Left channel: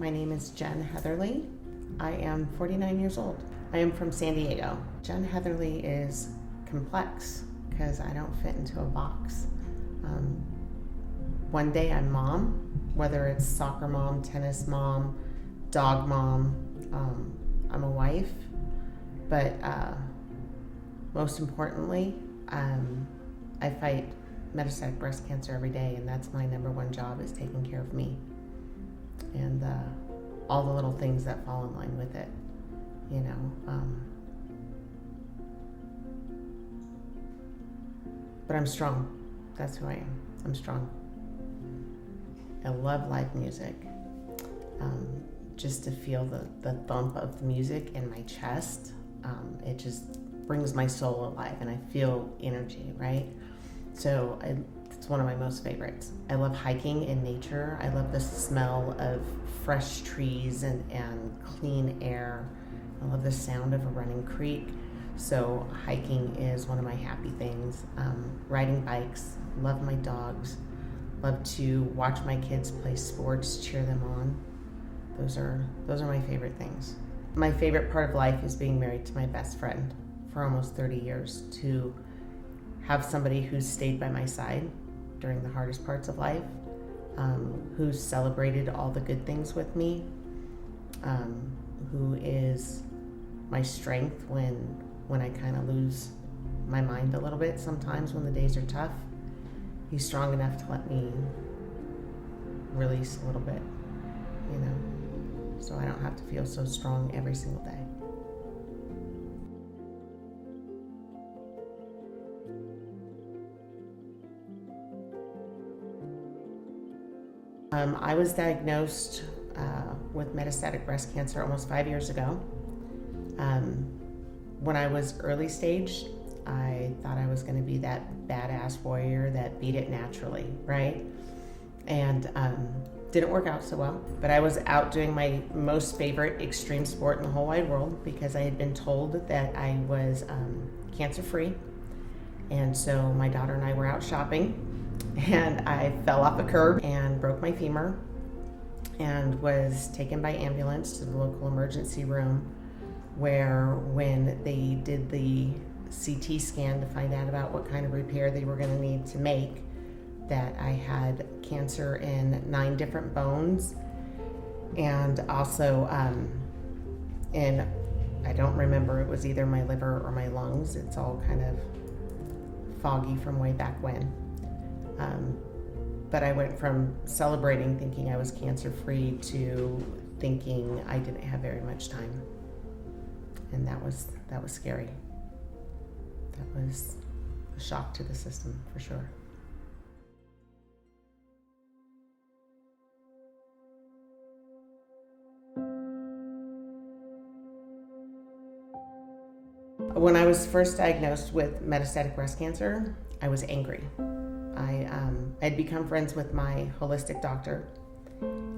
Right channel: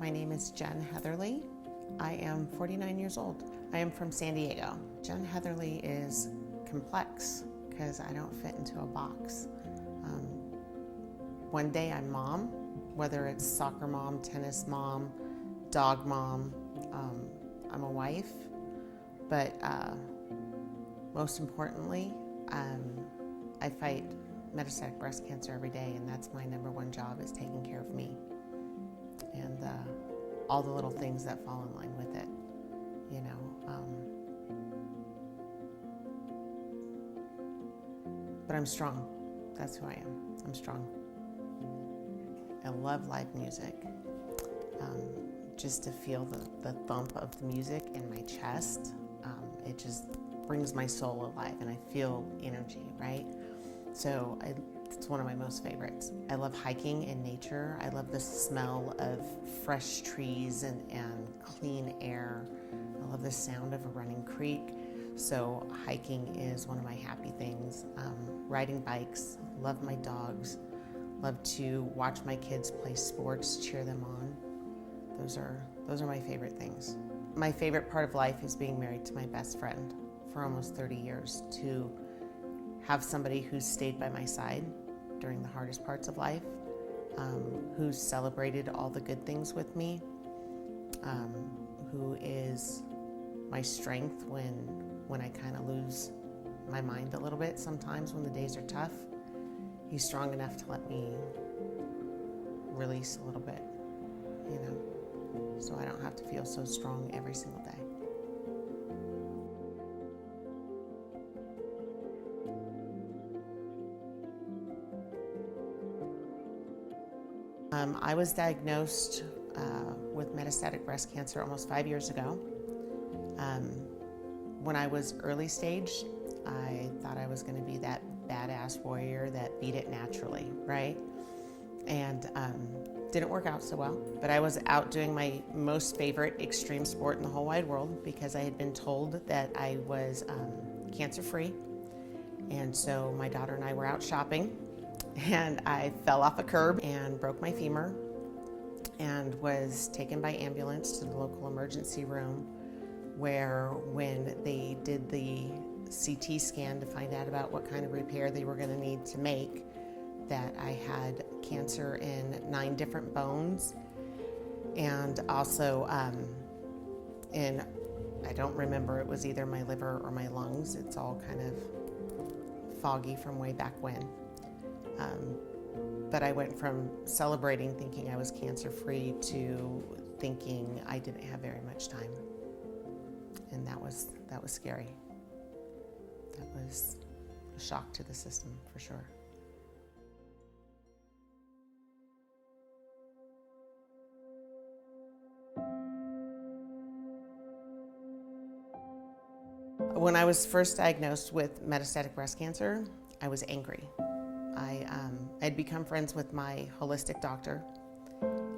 My name is Jen Heatherly. I am 49 years old. I am from San Diego. Jen Heatherly is complex because I don't fit into a box. One day I'm mom, whether it's soccer mom, tennis mom, dog mom. I'm a wife, but most importantly, I fight metastatic breast cancer every day, and that's my number one job, is taking care of me and all the little things that fall in line with it, you know. But I'm strong. That's who I am. I'm strong. I love live music. Just to feel the thump of the music in my chest, it just brings my soul alive, and I feel energy, right? So it's one of my most favorites. I love hiking in nature. I love the smell of fresh trees and clean air. I love the sound of a running creek. So hiking is one of my happy things. Riding bikes, love my dogs, love to watch my kids play sports, cheer them on. Those are my favorite things. My favorite part of life is being married to my best friend for almost 30 years, to have somebody who's stayed by my side during the hardest parts of life, who's celebrated all the good things with me, who is my strength when I kind of lose my mind a little bit sometimes when the days are tough. He's strong enough to let me release a little bit, you know, so I don't have to feel so strong every single day. I was diagnosed with metastatic breast cancer almost 5 years ago. When I was early stage, I thought I was going to be that badass warrior that beat it naturally, right? And didn't work out so well. But I was out doing my most favorite extreme sport in the whole wide world, because I had been told that I was cancer-free. And so my daughter and I were out shopping, and I fell off a curb and broke my femur and was taken by ambulance to the local emergency room, where when they did the CT scan to find out about what kind of repair they were going to need to make, that I had cancer in 9 different bones, and also in, I don't remember, it was either my liver or my lungs. It's all kind of foggy from way back when. But I went from celebrating thinking I was cancer-free to thinking I didn't have very much time. And that was scary. That was a shock to the system, for sure. When I was first diagnosed with metastatic breast cancer, I was angry. I'd become friends with my holistic doctor,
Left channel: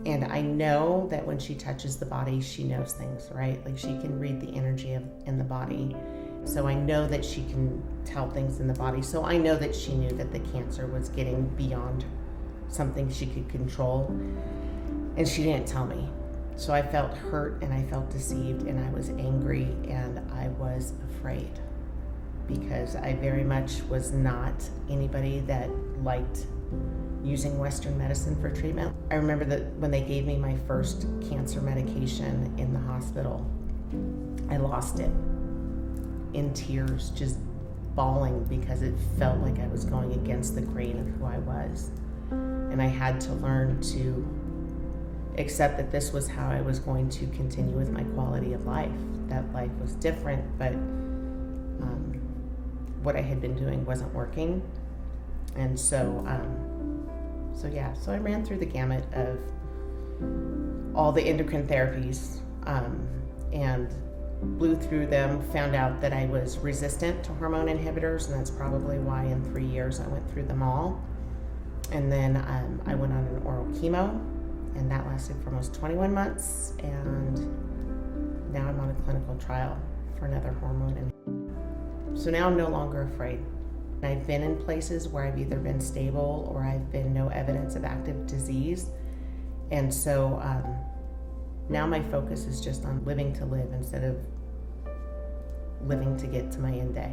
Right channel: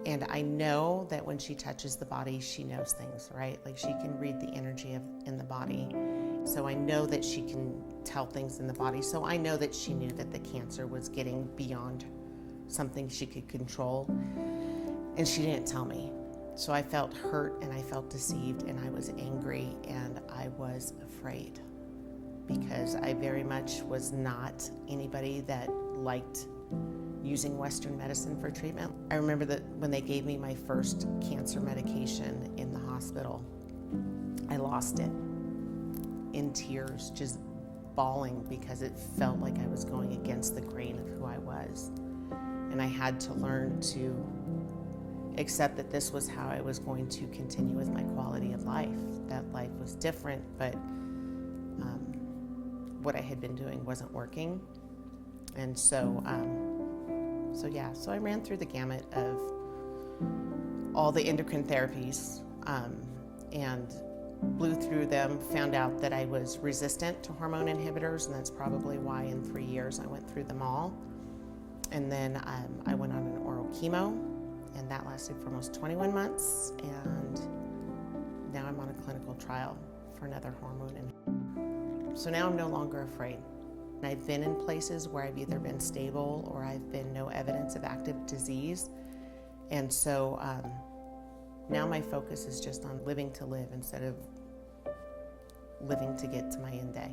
and I know that when she touches the body, she knows things, right? Like, she can read the energy in the body. So I know that she can tell things in the body. So I know that she knew that the cancer was getting beyond something she could control, and she didn't tell me. So I felt hurt, and I felt deceived, and I was angry, and I was afraid, because I very much was not anybody that liked using Western medicine for treatment. I remember that when they gave me my first cancer medication in the hospital, I lost it in tears, just bawling, because it felt like I was going against the grain of who I was. And I had to learn to accept that this was how I was going to continue with my quality of life, that life was different, but what I had been doing wasn't working. And so I ran through the gamut of all the endocrine therapies, and blew through them, found out that I was resistant to hormone inhibitors, and that's probably why in 3 years I went through them all. And then I went on an oral chemo, and that lasted for almost 21 months, and now I'm on a clinical trial for another hormone inhibitor. So now I'm no longer afraid. I've been in places where I've either been stable or I've been no evidence of active disease. And so Now my focus is just on living to live instead of living to get to my end day.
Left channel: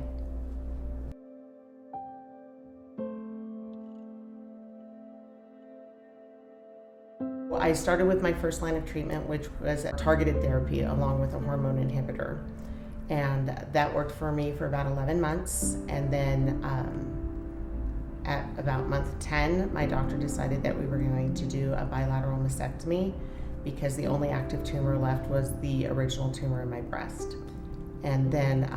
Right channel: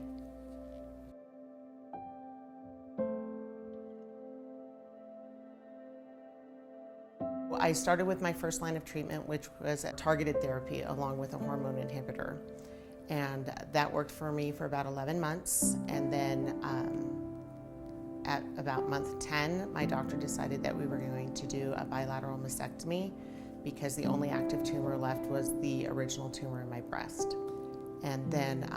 Well, I started with my first line of treatment, which was a targeted therapy along with a hormone inhibitor. And that worked for me for about 11 months. And then at about month 10, my doctor decided that we were going to do a bilateral mastectomy because the only active tumor left was the original tumor in my breast. And then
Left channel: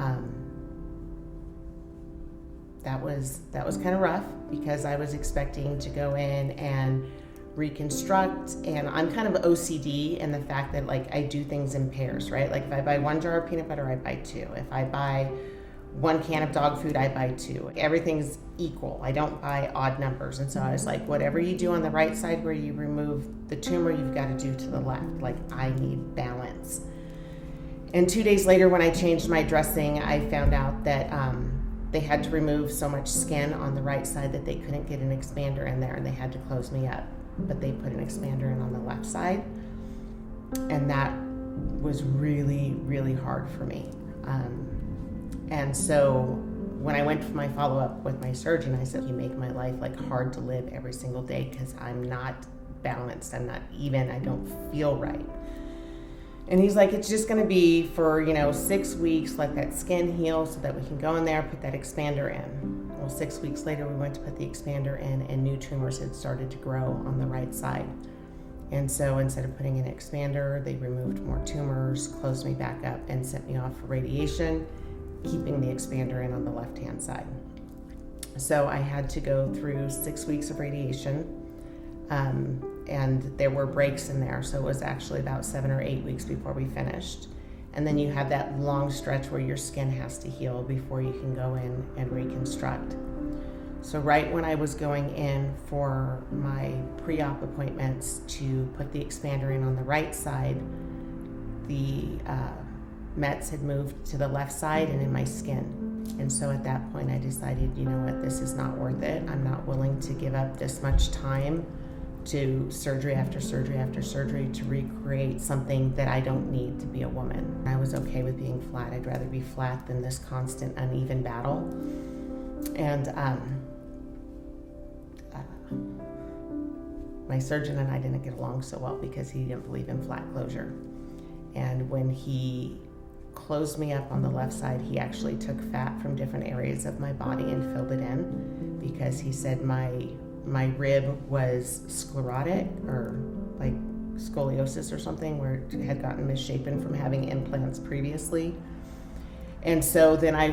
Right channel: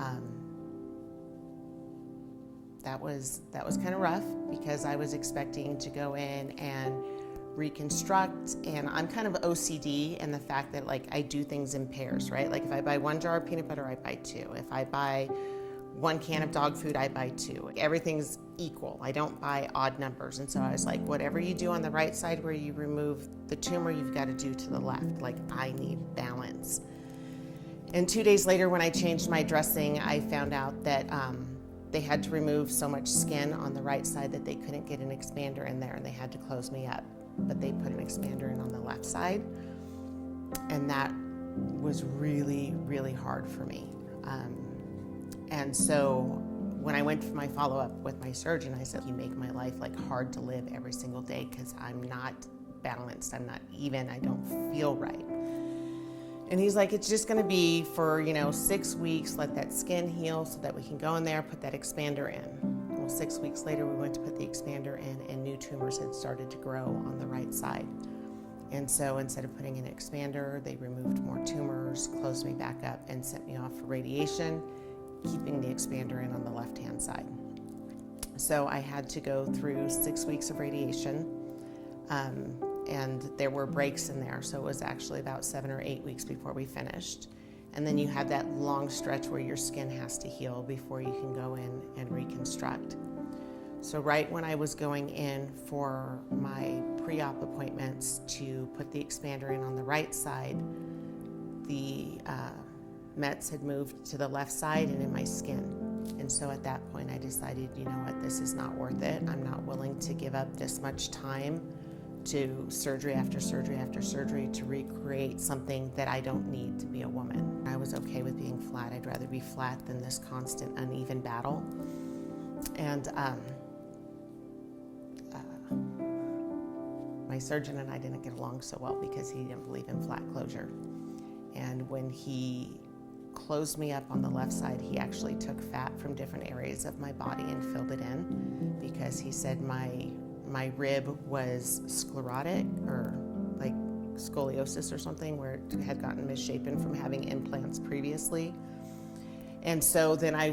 that was kind of rough because I was expecting to go in and reconstruct, and I'm kind of OCD in the fact that like I do things in pairs, right? Like if I buy 1 jar of peanut butter, I buy 2. If I buy 1 can of dog food, I buy 2. Everything's equal. I don't buy odd numbers. And so I was like, whatever you do on the right side where you remove the tumor, you've got to do to the left. Like I need balance. And 2 days later, when I changed my dressing, I found out that they had to remove so much skin on the right side that they couldn't get an expander in there, and they had to close me up. But they put an expander in on the left side, and that was really, really hard for me. And so when I went for my follow-up with my surgeon, I said, you make my life like hard to live every single day because I'm not balanced, I'm not even, I don't feel right. And he's like, it's just gonna be for 6 weeks, let that skin heal so that we can go in there, put that expander in. Well, 6 weeks later, we went to put the expander in, and new tumors had started to grow on the right side. And so instead of putting in an expander, they removed more tumors, closed me back up, and sent me off for radiation, keeping the expander in on the left-hand side. So I had to go through 6 weeks of radiation, and there were breaks in there. So it was actually about 7 or 8 weeks before we finished. And then you have that long stretch where your skin has to heal before you can go in and reconstruct. So right when I was going in for my pre-op appointments to put the expander in on the right side, the Mets had moved to the left side and in my skin. And so at that point I decided, you know what, this is not worth it. I'm not willing to give up this much time to surgery after surgery after surgery to recreate something that I don't need to be a woman. I was okay with being flat. I'd rather be flat than this constant uneven battle. And my surgeon and I didn't get along so well because he didn't believe in flat closure. And when he closed me up on the left side, he actually took fat from different areas of my body and filled it in because he said my rib was sclerotic or like scoliosis or something, where it had gotten misshapen from having implants previously. And so then I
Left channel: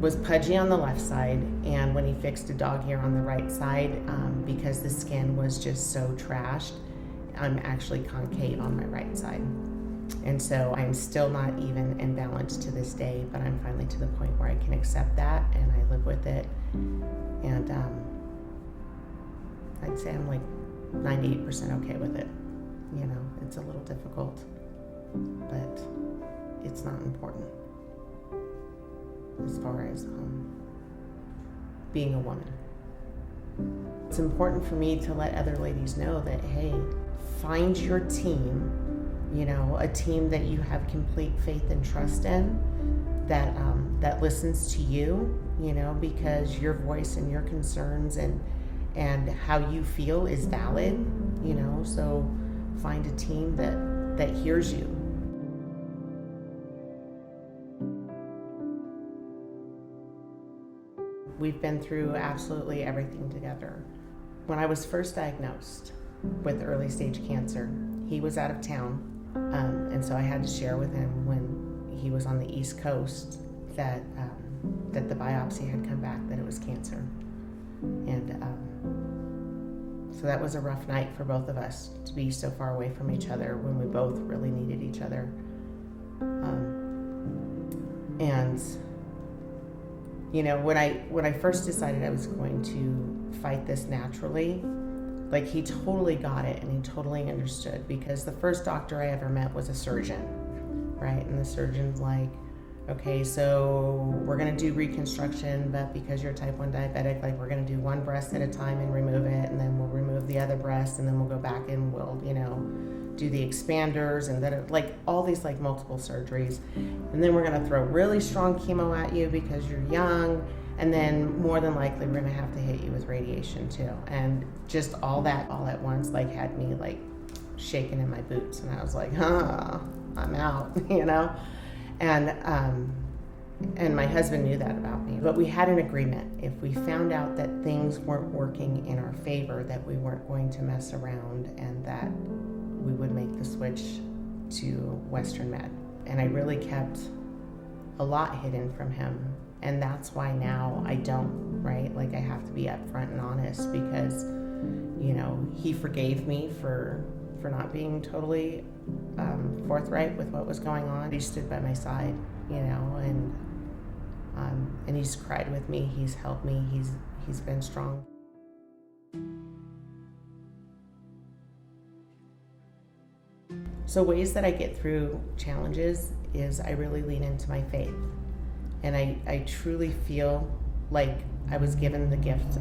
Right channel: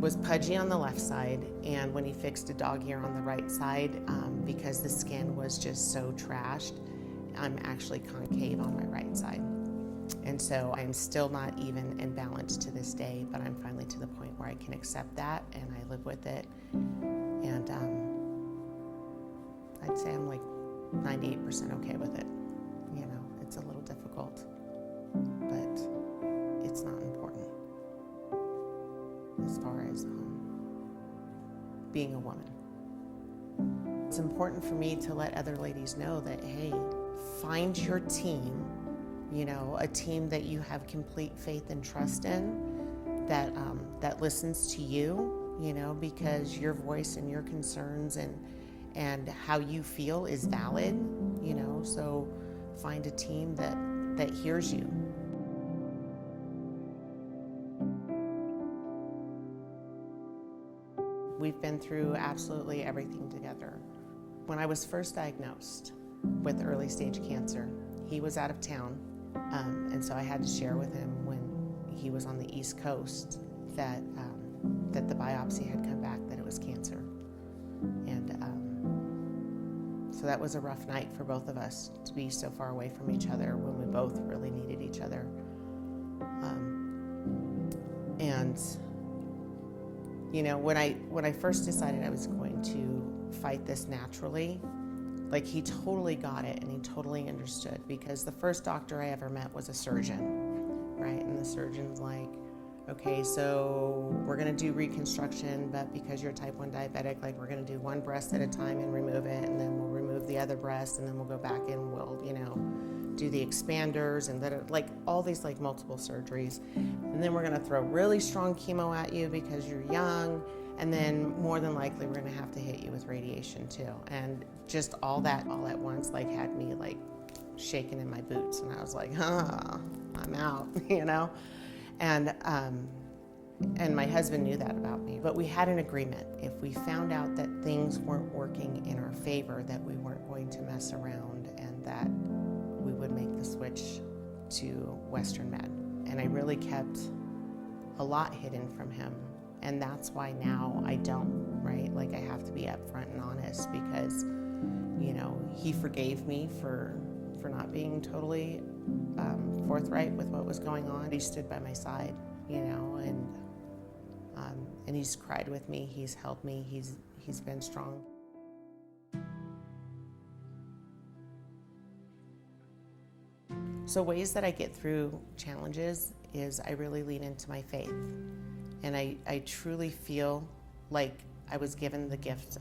was pudgy on the left side, and when he fixed a dog ear on the right side, because the skin was just so trashed, I'm actually concave on my right side. And so I'm still not even in balance to this day, but I'm finally to the point where I can accept that and I live with it. And I'd say I'm like 98% okay with it. It's a little difficult, but it's not important as far as being a woman. It's important for me to let other ladies know that, hey, find your team, a team that you have complete faith and trust in, that listens to you, because your voice and your concerns and how you feel is valid, so find a team that hears you. We've been through absolutely everything together. When I was first diagnosed with early stage cancer, he was out of town, and so I had to share with him when he was on the East Coast that the biopsy had come back that it was cancer. And so that was a rough night for both of us to be so far away from each other when we both really needed each other. When I first decided I was going to fight this naturally, like he totally got it and he totally understood, because the first doctor I ever met was a surgeon, right? And the surgeon's like, okay, so we're gonna do reconstruction, but because you're type 1 diabetic, like we're gonna do one breast at a time and remove it, and then we'll remove the other breast, and then we'll go back and we'll, do the expanders and that are like all these like multiple surgeries. And then we're gonna throw really strong chemo at you because you're young. And then more than likely we're gonna have to hit you with radiation too. And just all that all at once like had me like shaking in my boots. And I was like, I'm out, you know? And my husband knew that about me. But we had an agreement. If we found out that things weren't working in our favor, that we weren't going to mess around and that we would make the switch to Western Med. And I really kept a lot hidden from him. And that's why now I don't, right? Like I have to be upfront and honest because, you know, he forgave me for not being totally forthright with what was going on. He stood by my side, you know, and he's cried with me. He's helped me. He's been strong. So ways that I get through challenges is I really lean into my faith. And I truly feel like I was given the gift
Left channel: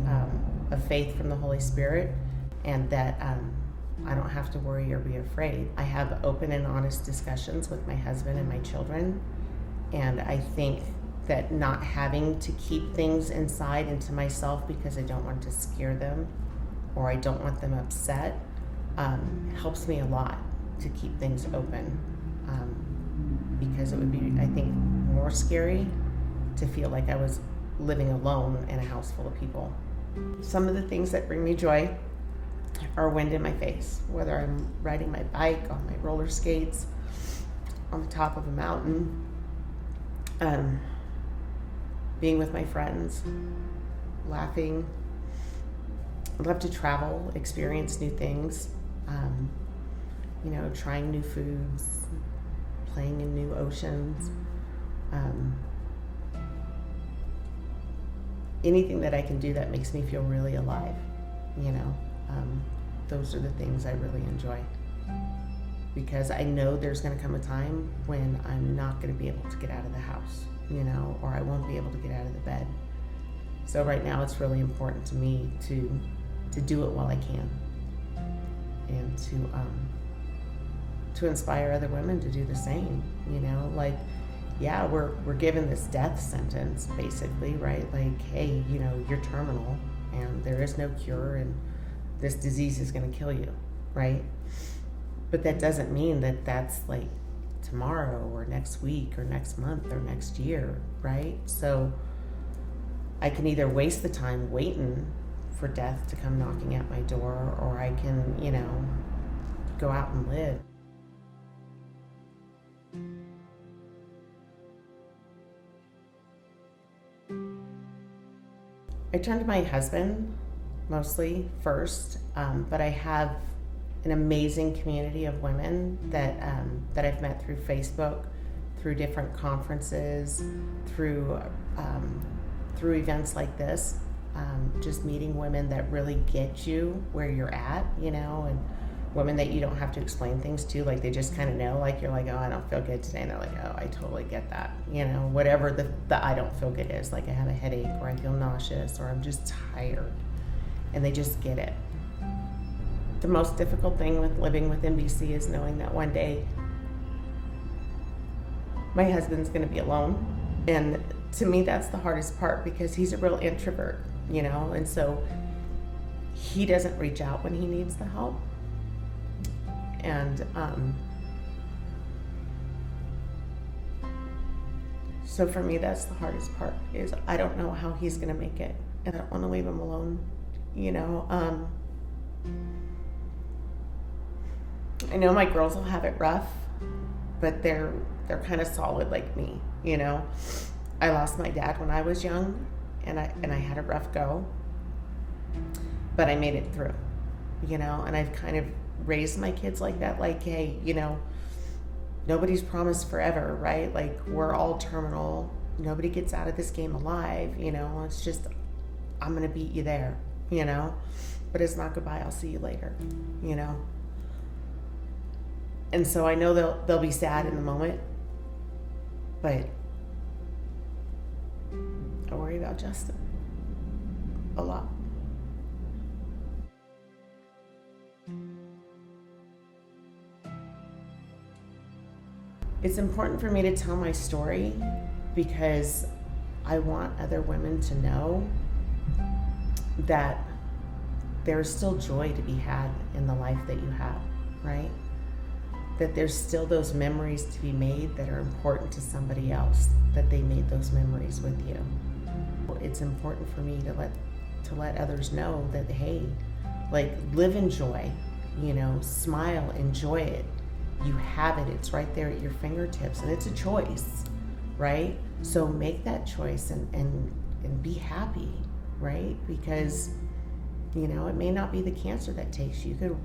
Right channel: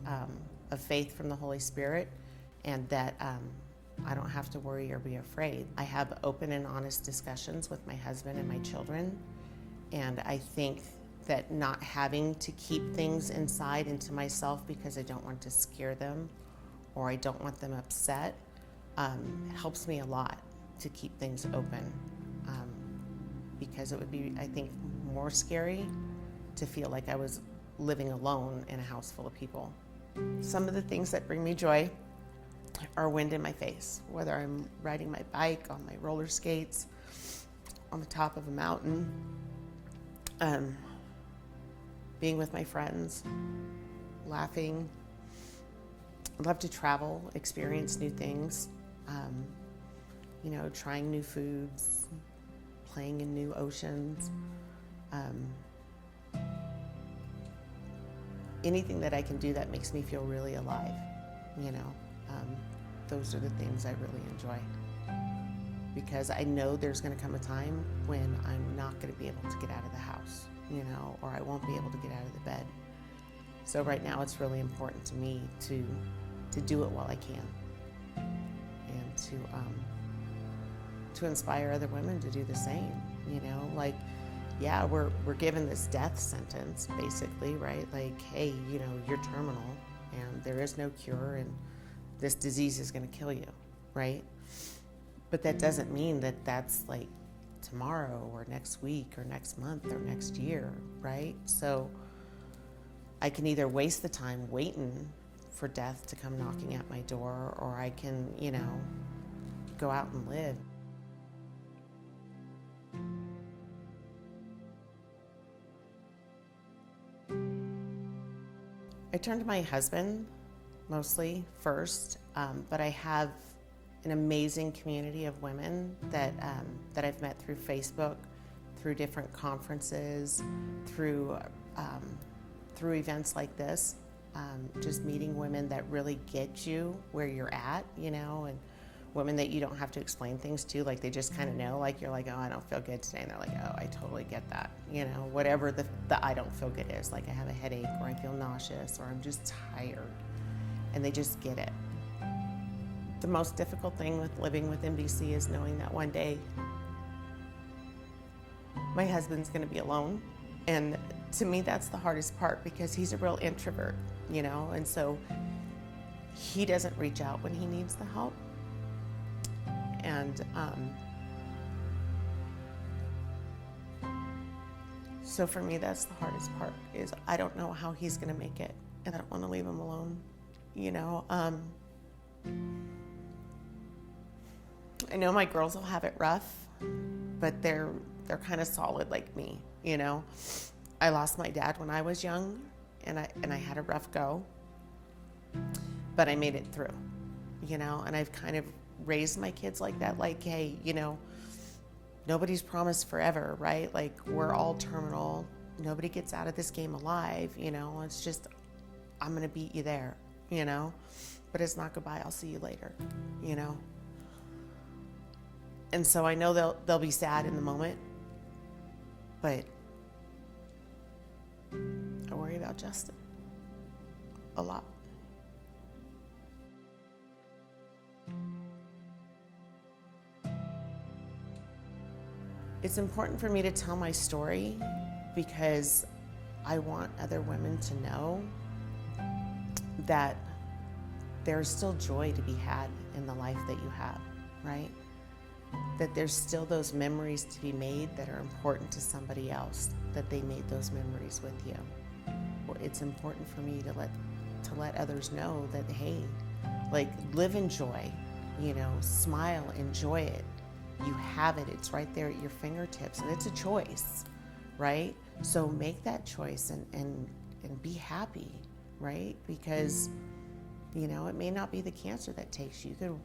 of faith from the Holy Spirit, and that I don't have to worry or be afraid. I have open and honest discussions with my husband and my children, and I think that not having to keep things inside into myself because I don't want to scare them or I don't want them upset helps me a lot to keep things open, because it would be, I think, more scary to feel like I was living alone in a house full of people. Some of the things that bring me joy are wind in my face, whether I'm riding my bike, on my roller skates, on the top of a mountain, being with my friends, laughing. I love to travel, experience new things, you know, trying new foods, playing in new oceans. Anything that I can do that makes me feel really alive, you know. Those are the things I really enjoy, because I know there's going to come a time when I'm not going to be able to get out of the house, you know, or I won't be able to get out of the bed. So right now it's really important to me to do it while I can, and to inspire other women to do the same, you know. Like, yeah, we're given this death sentence basically, right? Like, hey, you know, you're terminal and there is no cure and this disease is going to kill you, right? But that doesn't mean that that's like tomorrow or next week or next month or next year, right? So I can either waste the time waiting for death to come knocking at my door, or I can, you know, go out and live. I turn to my husband mostly first, but I have an amazing community of women that I've met through Facebook, through different conferences, through events like this, just meeting women that really get you where you're at, you know, and women that you don't have to explain things to, like they just kind of know, like you're like, oh, I don't feel good today, and they're like, oh, I totally get that, you know, whatever the I don't feel good is, like I have a headache or I feel nauseous or I'm just tired, and they just get it. The most difficult thing with living with MBC is knowing that one day my husband's going to be alone, and to me that's the hardest part, because he's a real introvert, you know, and so he doesn't reach out when he needs the help. And so for me, that's the hardest part, is I don't know how he's gonna make it, and I don't want to leave him alone, you know. I know my girls will have it rough, but they're kind of solid like me, you know. I lost my dad when I was young, and I had a rough go, but I made it through, you know. And I've kind of raised my kids like that, like, hey, you know, nobody's promised forever, right? Like, we're all terminal. Nobody gets out of this game alive, you know. It's just, I'm gonna beat you there, you know. But it's not goodbye, I'll see you later, you know. And so I know they'll be sad in the moment, but I worry about Justin a lot. It's important for me to tell my story because I want other women to know that there's still joy to be had in the life that you have, right? That there's still those memories to be made that are important to somebody else, that they made those memories with you. It's important for me to let others know that, hey, like, live in joy, smile, enjoy it. You have it, it's right there at your fingertips, and it's a choice, right? So make that choice and be happy, right? Because, it may not be the cancer that takes you. You could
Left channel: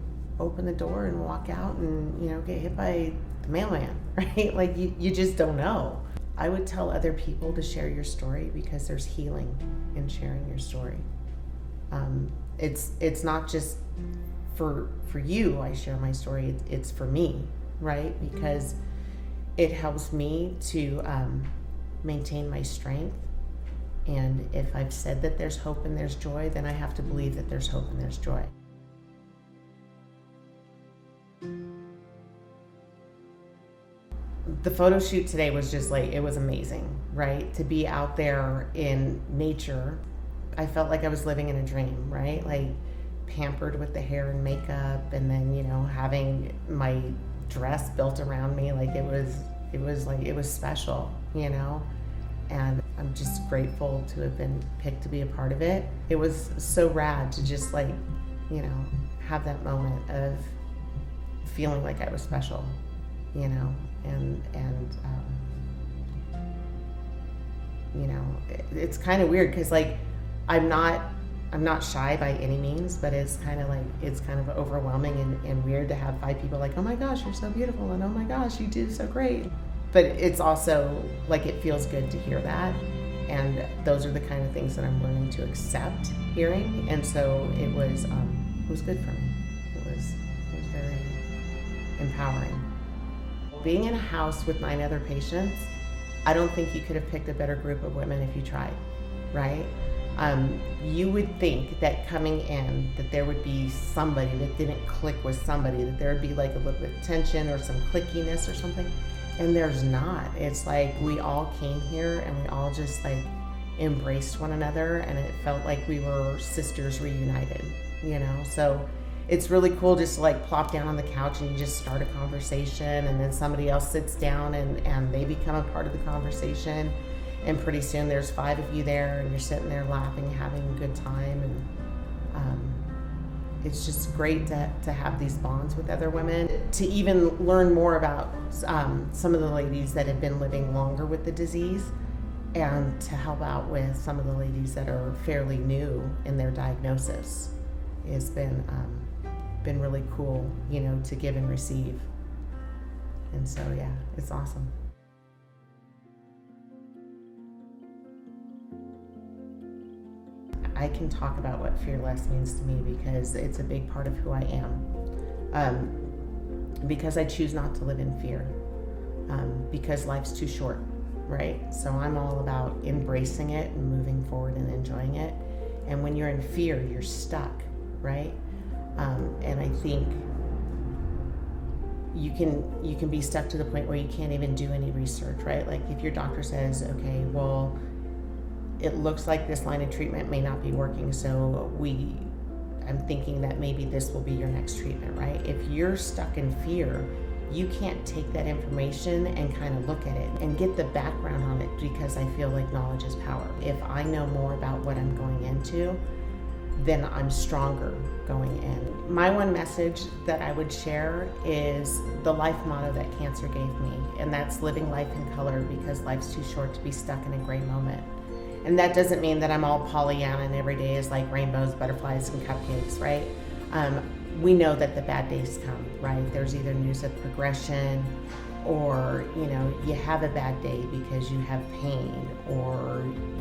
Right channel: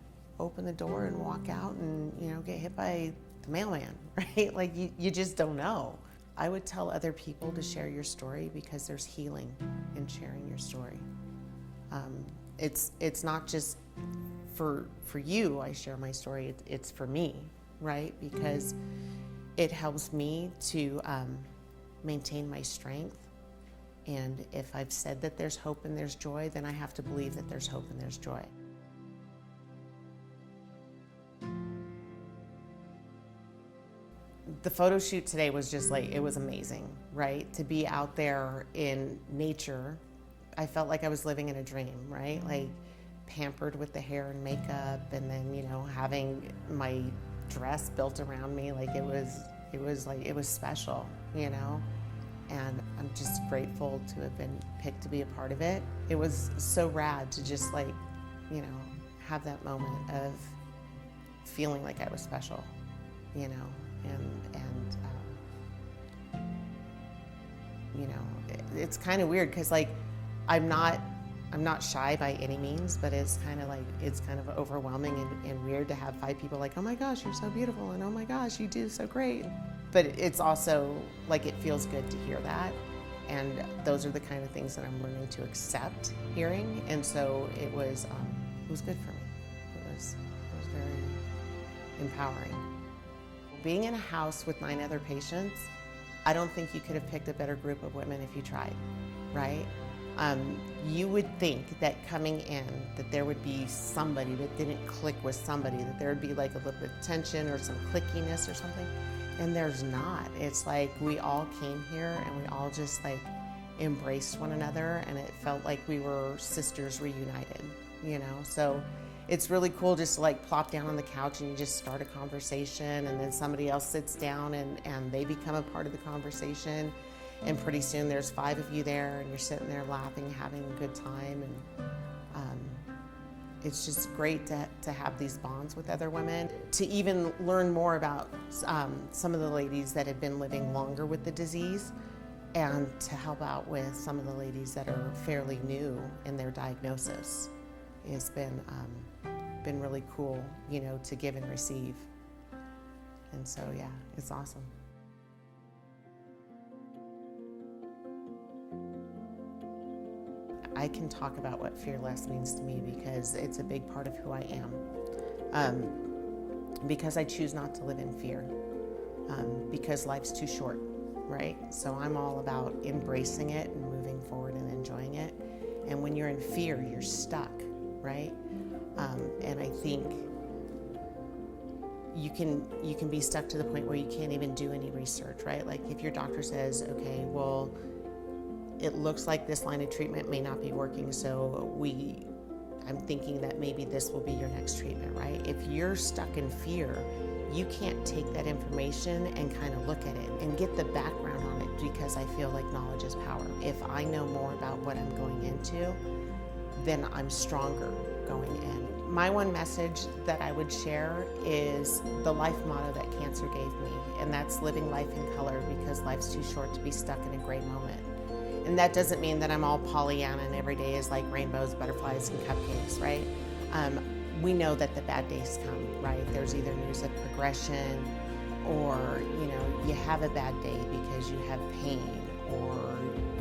open the door and walk out and, get hit by the mailman, right? Like, you just don't know. I would tell other people to share your story because there's healing in sharing your story. It's not just for you, I share my story, it's for me, right? Because it helps me to maintain my strength. And if I've said that there's hope and there's joy, then I have to believe that there's hope and there's joy. The photo shoot today was just it was amazing, right? To be out there in nature, I felt like I was living in a dream, right? Like, pampered with the hair and makeup, and then, having my dress built around me, it was special, and I'm just grateful to have been picked to be a part of it. It was so rad to just have that moment of feeling like I was special, it's kind of weird because I'm not shy by any means, but it's kind of overwhelming and weird to have 5 people oh my gosh, you're so beautiful, and oh my gosh, you do so great. But it's also it feels good to hear that, and those are the kind of things that I'm learning to accept hearing, and so it was good for me. It was very empowering. Being in a house with 9 other patients, I don't think you could have picked a better group of women if you tried, right? You would think that coming in that there would be somebody that didn't click with somebody, that there would be a little bit of tension or some clickiness or something, and there's not. It's we all came here and we all just embraced one another, and it felt like we were sisters reunited, So it's really cool just to plop down on the couch and you just start a conversation, and then somebody else sits down and they become a part of the conversation. And pretty soon there's 5 of you there, and you're sitting there laughing, having a good time. And it's just great to have these bonds with other women, to even learn more about some of the ladies that have been living longer with the disease, and to help out with some of the ladies that are fairly new in their diagnosis. It's been really cool, to give and receive. And so, yeah, it's awesome. I can talk about what fearless means to me because it's a big part of who I am. Because I choose not to live in fear. Because life's too short, right? So I'm all about embracing it and moving forward and enjoying it. And when you're in fear, you're stuck, right? And I think you can be stuck to the point where you can't even do any research, right? If your doctor says, okay, well, it looks like this line of treatment may not be working, so I'm thinking that maybe this will be your next treatment, right? If you're stuck in fear, you can't take that information and kind of look at it and get the background on it, because I feel like knowledge is power. If I know more about what I'm going into, then I'm stronger going in. My one message that I would share is the life motto that cancer gave me, and that's living life in color, because life's too short to be stuck in a gray moment. And that doesn't mean that I'm all Pollyanna and every day is rainbows, butterflies, and cupcakes, right? We know that the bad days come, right? There's either news of progression, or, you have a bad day because you have pain, or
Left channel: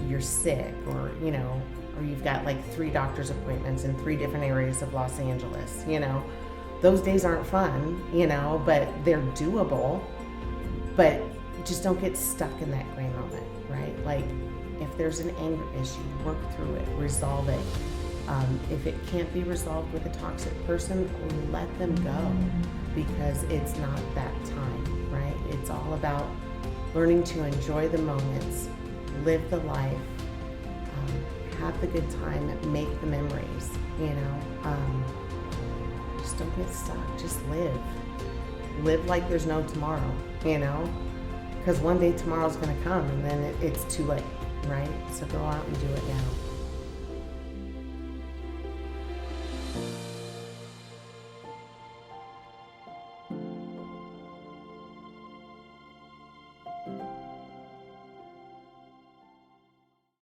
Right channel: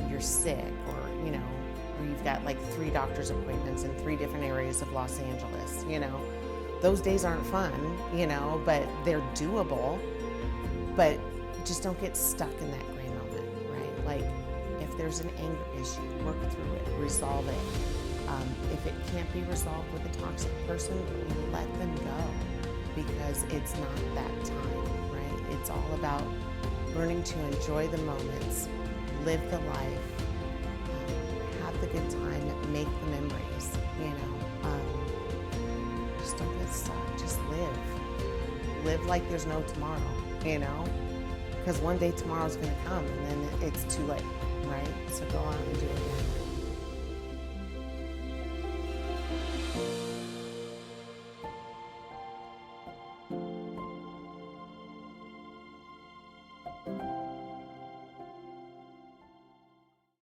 you're sick, or, or you've got 3 doctor's appointments in 3 different areas of Los Angeles, Those days aren't fun, but they're doable. But just don't get stuck in that gray moment, right? If there's an anger issue, work through it, resolve it. If it can't be resolved with a toxic person, let them go, because it's not that time, right? It's all about learning to enjoy the moments, live the life, have the good time, and make the memories, just don't get stuck, just live like there's no tomorrow, because one day tomorrow's going to come and then it's too late, right? So go out and do it now.